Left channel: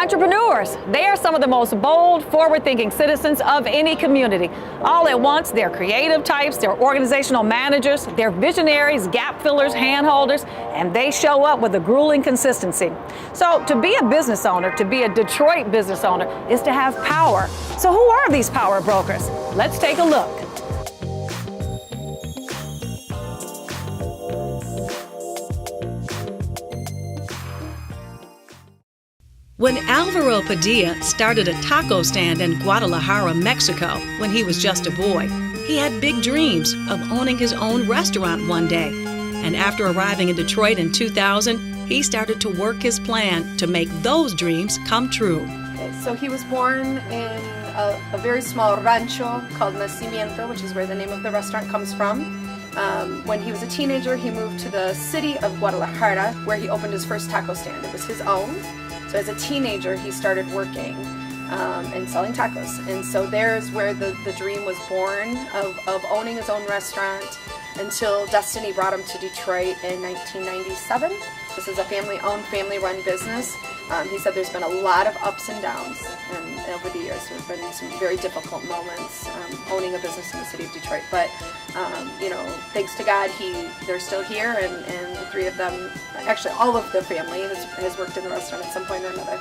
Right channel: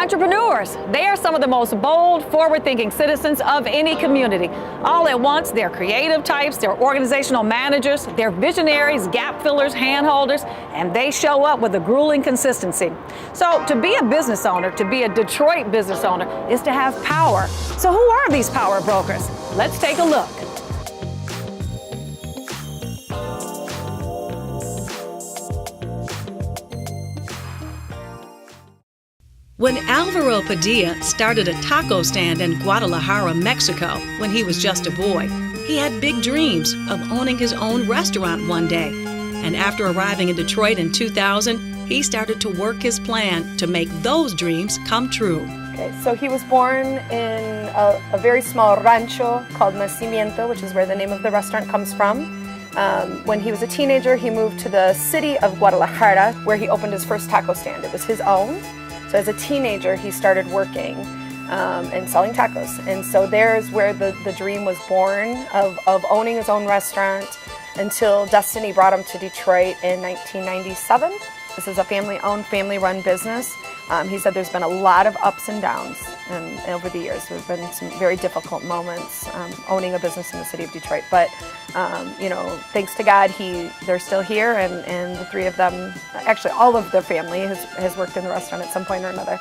Entrepreneurs, they are some of the most bold, forward-thinking citizens of any community. All at once, they're creative types, they're organizational managers, they're visionaries, gap fillers, hand holders, and they show up with a grueling consistency. So to be a business owner, to be a Detroit business owner, is to have power. So who are these power brokers? Let's take a look. When Alvaro Padilla started a taco stand in Guadalajara, Mexico, when he was just a boy, he had big dreams of owning his own restaurant one day. And after arriving in Detroit in 2000, he started to work his plan to make those dreams come true. Okay, so he was born in a very small rancho called Nacimiento, which is where the name of the restaurant comes from. When he was a teenager, he moved to the city of Guadalajara, where he opened his first taco stand. It was his own. So as a teenager, he started working and selling tacos. And so there's where the dream was born of owning his own restaurant until destiny brought him to Detroit in 1997. This is a family-owned, family-run business. He said there's been a lot of ups and downs over the years. There have been some very difficult moments owning a business in the city of Detroit. But, thanks to God, they're still here, and the three of them, actually all of the family has worked in the restaurant at some point or another.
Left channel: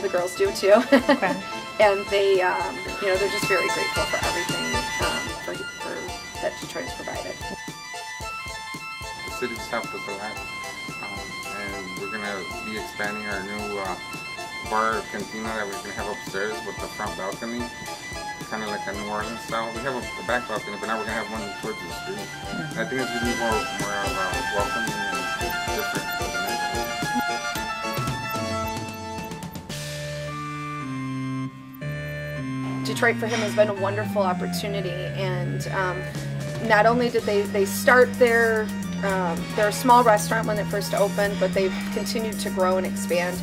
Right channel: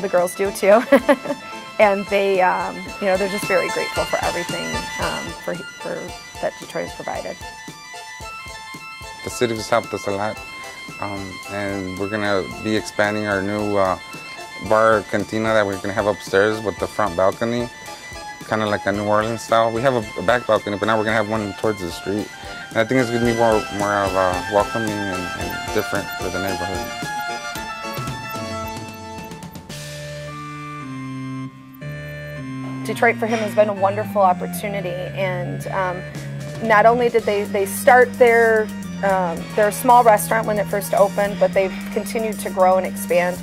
The girls do too. Okay. And they, they're just very grateful for everything for that Detroit has provided. The city has helped us a lot. And we're gonna be expanding our new bar cantina that we're gonna have upstairs with the front balcony, kind of like a New Orleans style. We have a back balcony, but now we're gonna have one towards the street. And I think it's gonna be more of welcoming and different for the neighborhood. Detroit for him has been a wonderful opportunity, and not only did they start their small restaurant when it first opened, but they've continued to grow and expand.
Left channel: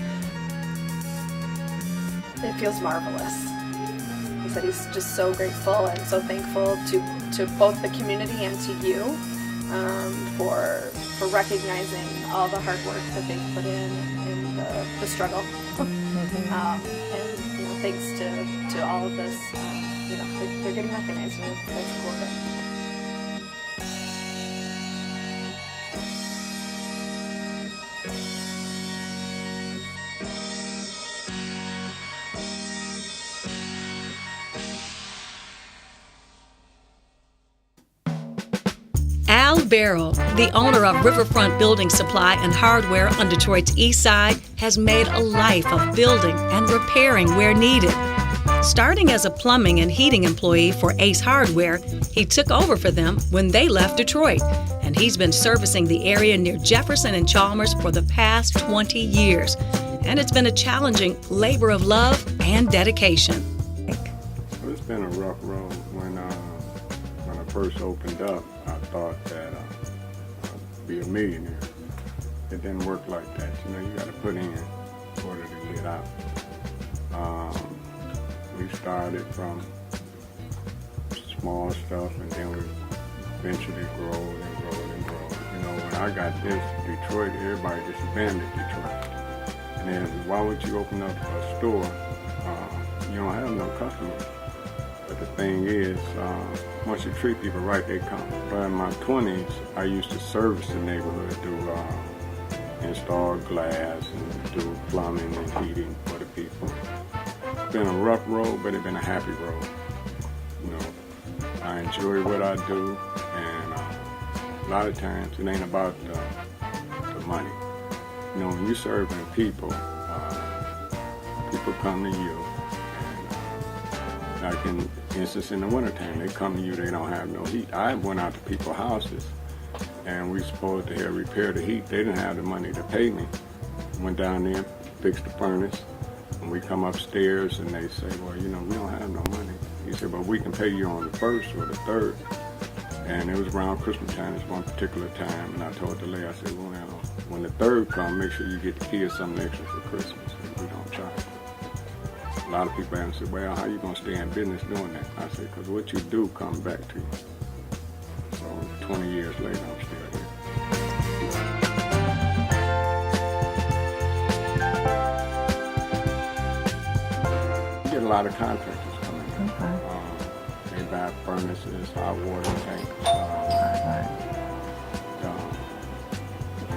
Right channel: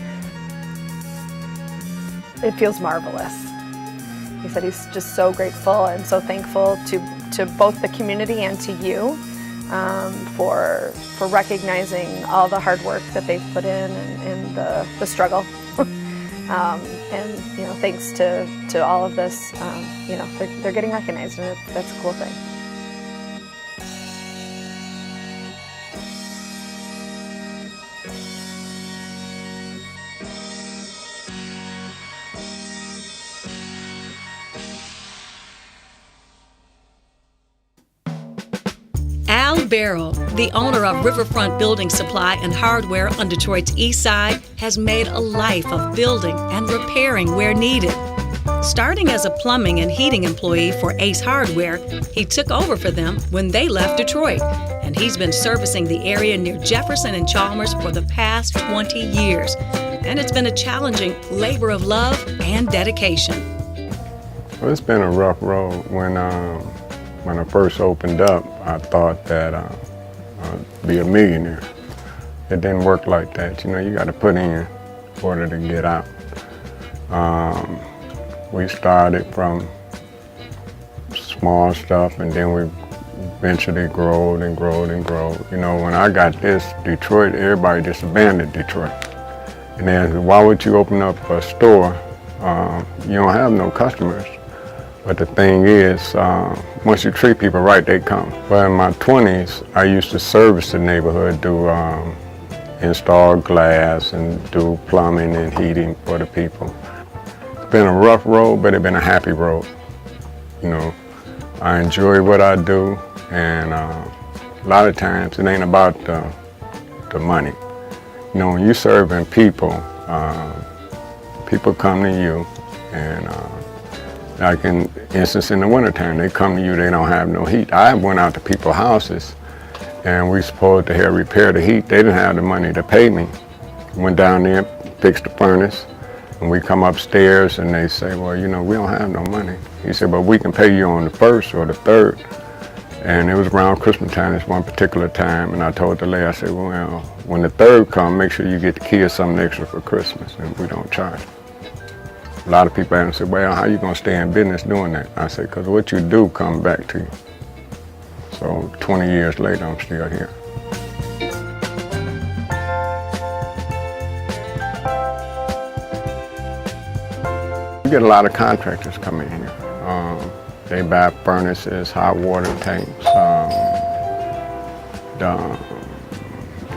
It feels marvelous. He said he's just so grateful and so thankful to both the community and to you for recognizing all the hard work that they've put in and the struggle. And thanks to all of this, they're getting recognized, and that's a cool thing. Al Barrow, the owner of Riverfront Building Supply and Hardware on Detroit's east side, has made a life of building and repairing where needed. Starting as a plumbing and heating employee for Ace Hardware, he took over for them when they left Detroit, and he's been servicing the area near Jefferson and Chalmers for the past 20 years. And it's been a challenging labor of love and dedication. Well, it's been a rough road. When I first opened up, I thought that I'd be a millionaire. It didn't work like that. You got to put in order to get out. We started from small stuff, and then we eventually growed and growed and growed. When I got this Detroit, everybody just abandoned Detroit. And they asked, why would you open up a store? You don't have no customers. But the thing is, once you treat people right, they come. But in my 20s, I used to service the neighborhood, do install glass and do plumbing and heating for the people. It's been a rough road, but it's been a happy road. I enjoy what I do, and a lot of times it ain't about the money. When you're serving people, people come to you, and like in instance in the wintertime, they come to you, they don't have no heat. I went out to people's houses, and we supposed to have repaired the heat. They didn't have the money to pay me. Went down there, fixed the furnace, and we come upstairs, and they say, well, we don't have no money. He said, but we can pay you on the 1st or the 3rd. And it was around Christmas time, this one particular time, and I told the lady, I said, well, when the 3rd comes, make sure you get the kids something extra for Christmas, and we don't charge. A lot of people ask me, well, how you gonna stay in business doing that? I said, because what you do comes back to you. So 20 years later, I'm still here. get a lot of contractors coming here. They buy furnaces, hot water tanks,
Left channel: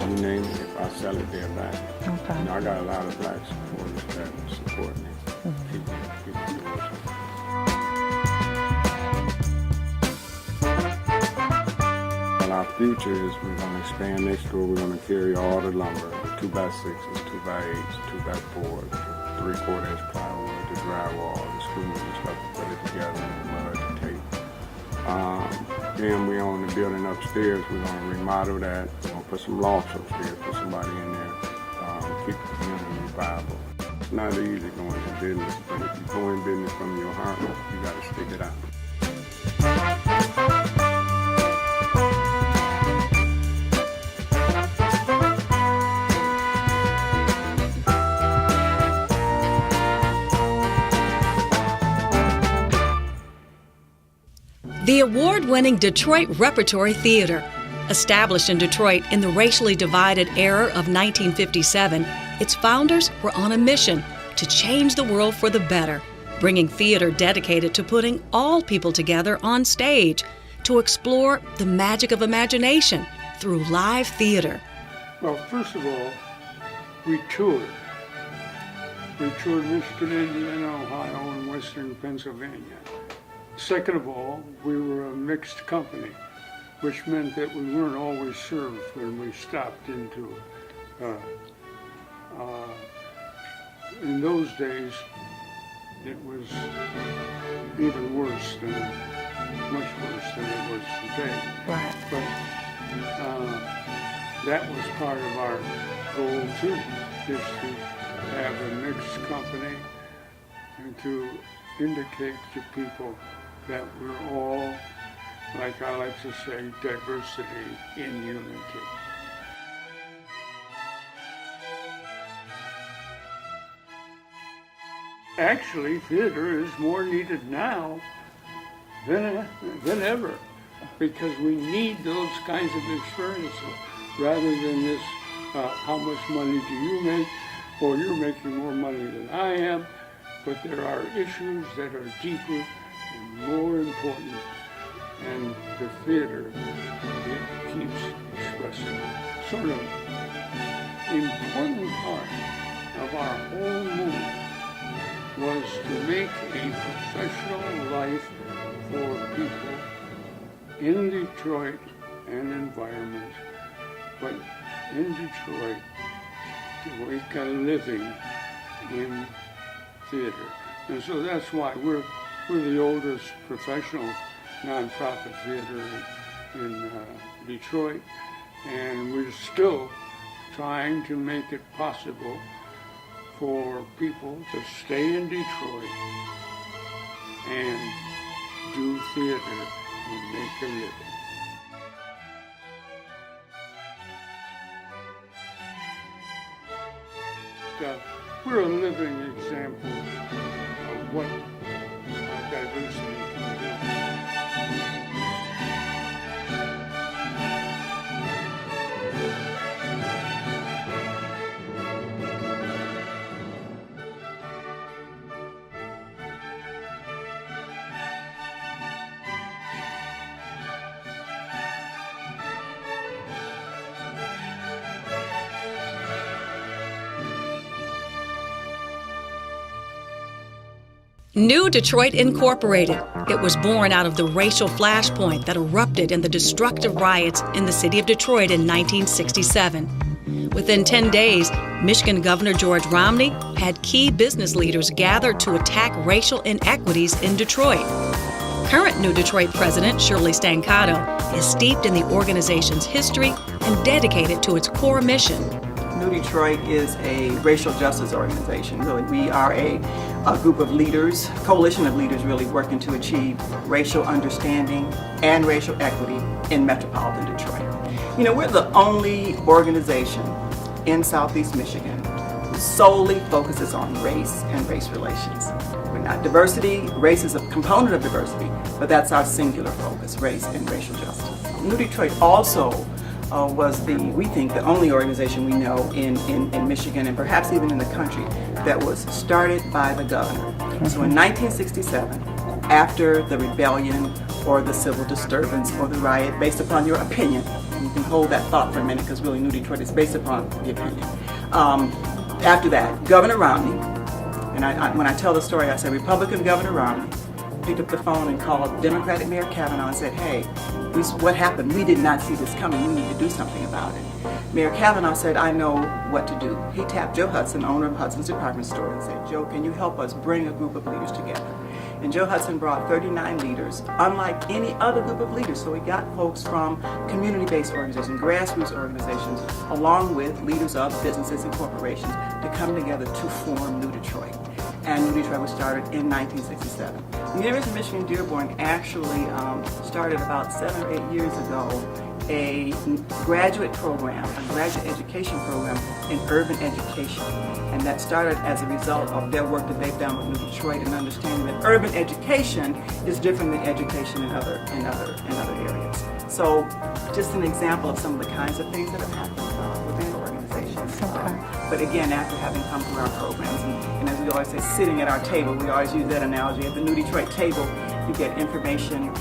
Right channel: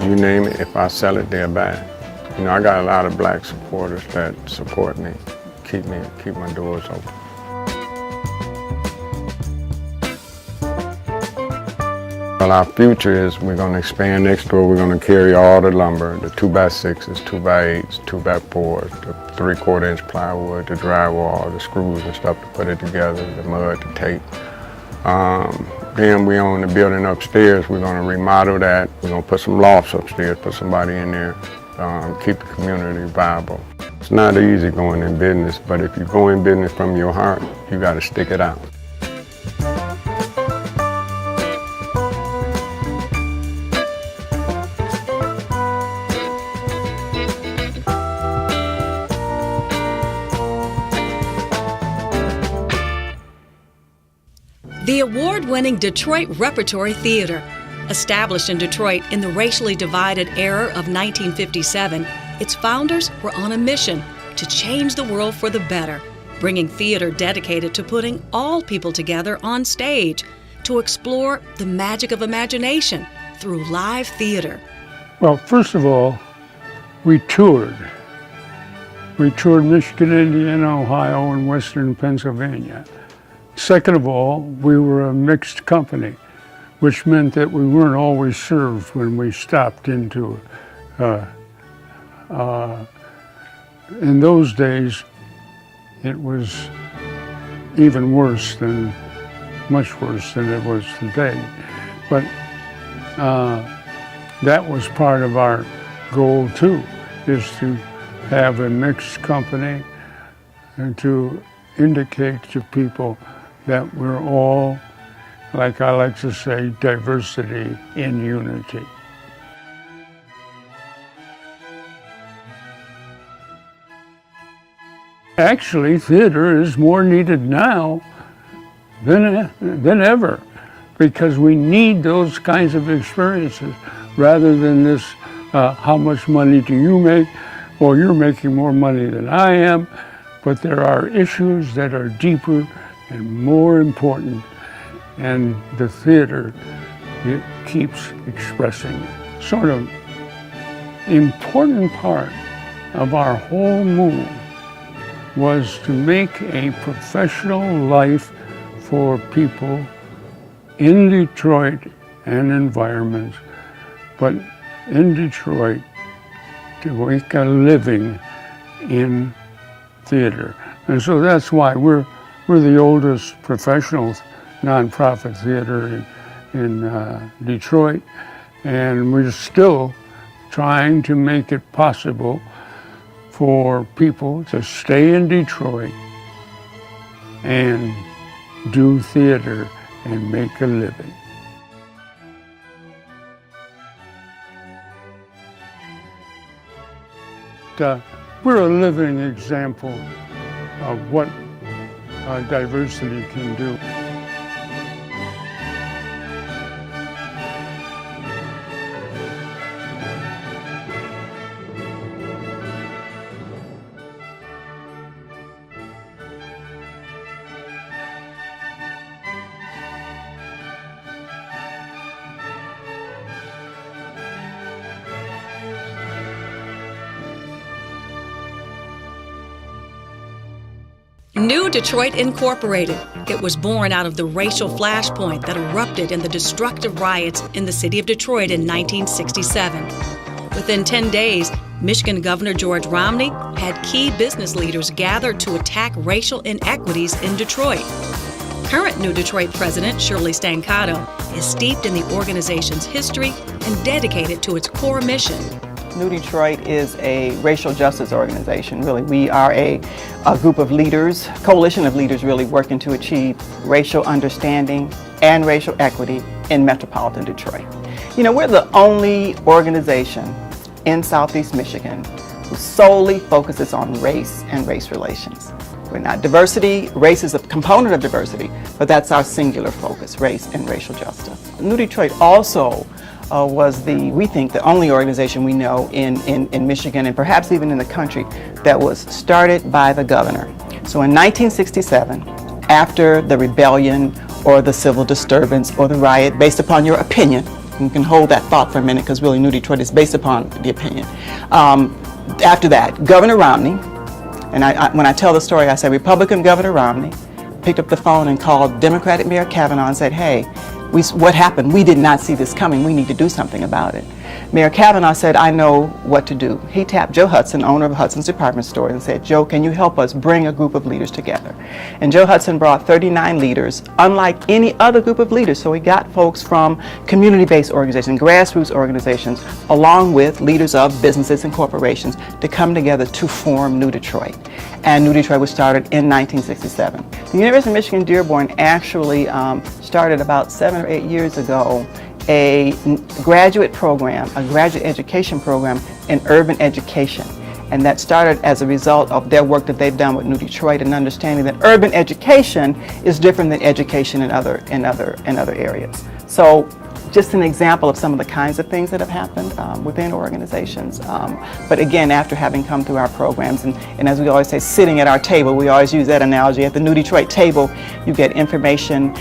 you name it. If I sell it, they'll buy it. You know, I got a lot of black supporters that support me, keep my doors open. Well, our future is we're going to expand next door. We're going to carry all the lumber, the 2x6s, 2x8s, 2x4s, the 3/4 inch plywood, the drywall, the screws and stuff to put it together, the mud, the tape. Then we own the building upstairs. We're going to remodel that. We're going to put some lofts upstairs, put somebody in there, keep the community viable. It's not easy going in business, but if you go in business from your heart, you got to stick it out. The award-winning Detroit Repertory Theater. Established in Detroit in the racially divided era of 1957, its founders were on a mission to change the world for the better, bringing theater dedicated to putting all people together on stage to explore the magic of imagination through live theater. Well, first of all, we toured. We toured Michigan, Indiana, Ohio, and Western Pennsylvania. Second of all, we were a mixed company, which meant that we weren't always served when we stopped into it. In those days, it was even worse than, much worse than it was today. But that was part of our goal too, is to have a mixed company and to indicate to people that we're all, like I like to say, diversity in unity. Actually, theater is more needed now than ever, because we need those kinds of experiences rather than this, how much money do you make, or you're making more money than I am. But there are issues that are deeper and more important, and the theater, it keeps expressing it. Sort of important part of our whole move was to make a professional life for people in Detroit and environments, but in Detroit to make a living in theater. And so that's why we're the oldest professional nonprofit theater in Detroit, and we're still trying to make it possible for people to stay in Detroit and do theater and make a living. We're a living example of what diversity can do. New Detroit Incorporated. It was born out of the racial flashpoint that erupted in the destructive riots in the city of Detroit in 1967. Within 10 days, Michigan Governor George Romney had key business leaders gathered to attack racial inequities in Detroit. Current New Detroit President Shirley Stancato is steeped in the organization's history and dedicated to its core mission. Detroit is a racial justice organization, really. We are a group of leaders, coalition of leaders really working to achieve racial understanding and racial equity in metropolitan Detroit. You know, we're the only organization in Southeast Michigan who solely focuses on race and race relations. We're not diversity. Race is a component of diversity, but that's our singular focus, race and racial justice. New Detroit also we think, the only organization we know in Michigan and perhaps even in the country that was started by the governor. So in 1967, after the rebellion or the civil disturbance or the riot, based upon your opinion, you can hold that thought for a minute because really New Detroit is based upon the opinion. After that, Governor Romney, and when I tell the story, I say Republican Governor Romney picked up the phone and called Democratic Mayor Kavanaugh and said, hey, what happened? We did not see this coming. We need to do something about it. Mayor Kavanaugh said, I know what to do. He tapped Joe Hudson, owner of Hudson's Department Store, and said, Joe, can you help us bring a group of leaders together? And Joe Hudson brought 39 leaders, unlike any other group of leaders. So he got folks from community-based organizations, grassroots organizations, along with leaders of businesses and corporations to come together to form New Detroit. And New Detroit was started in 1967. The University of Michigan Dearborn actually started about 7 or 8 years ago a graduate program, a graduate education program in urban education. And that started as a result of their work that they've done with New Detroit and understanding that urban education is different than education in other areas. So just an example of some of the kinds of things that have happened within organizations. But again, after having come through our programs, and as we always say, sitting at our table, we always use that analogy. At the New Detroit table, you get information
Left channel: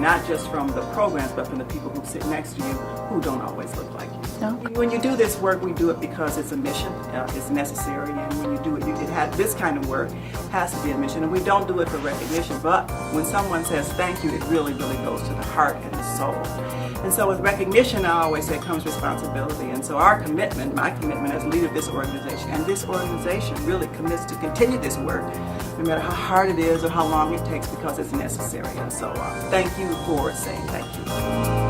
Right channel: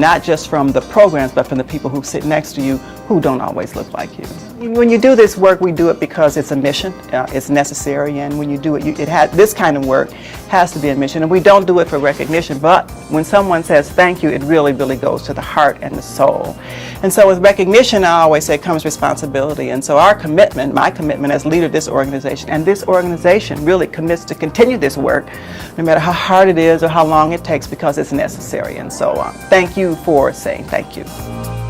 not just from the programs, but from the people who sit next to you who don't always look like you. When you do this work, we do it because it's a mission, it's necessary, and when you do it, this kind of work has to be a mission, and we don't do it for recognition, but when someone says thank you, it really, really goes to the heart and the soul. And so with recognition, I always say, comes responsibility. And so our commitment, my commitment as leader of this organization, and this organization really commits to continue this work, no matter how hard it is or how long it takes, because it's necessary. And so thank you for saying thank you.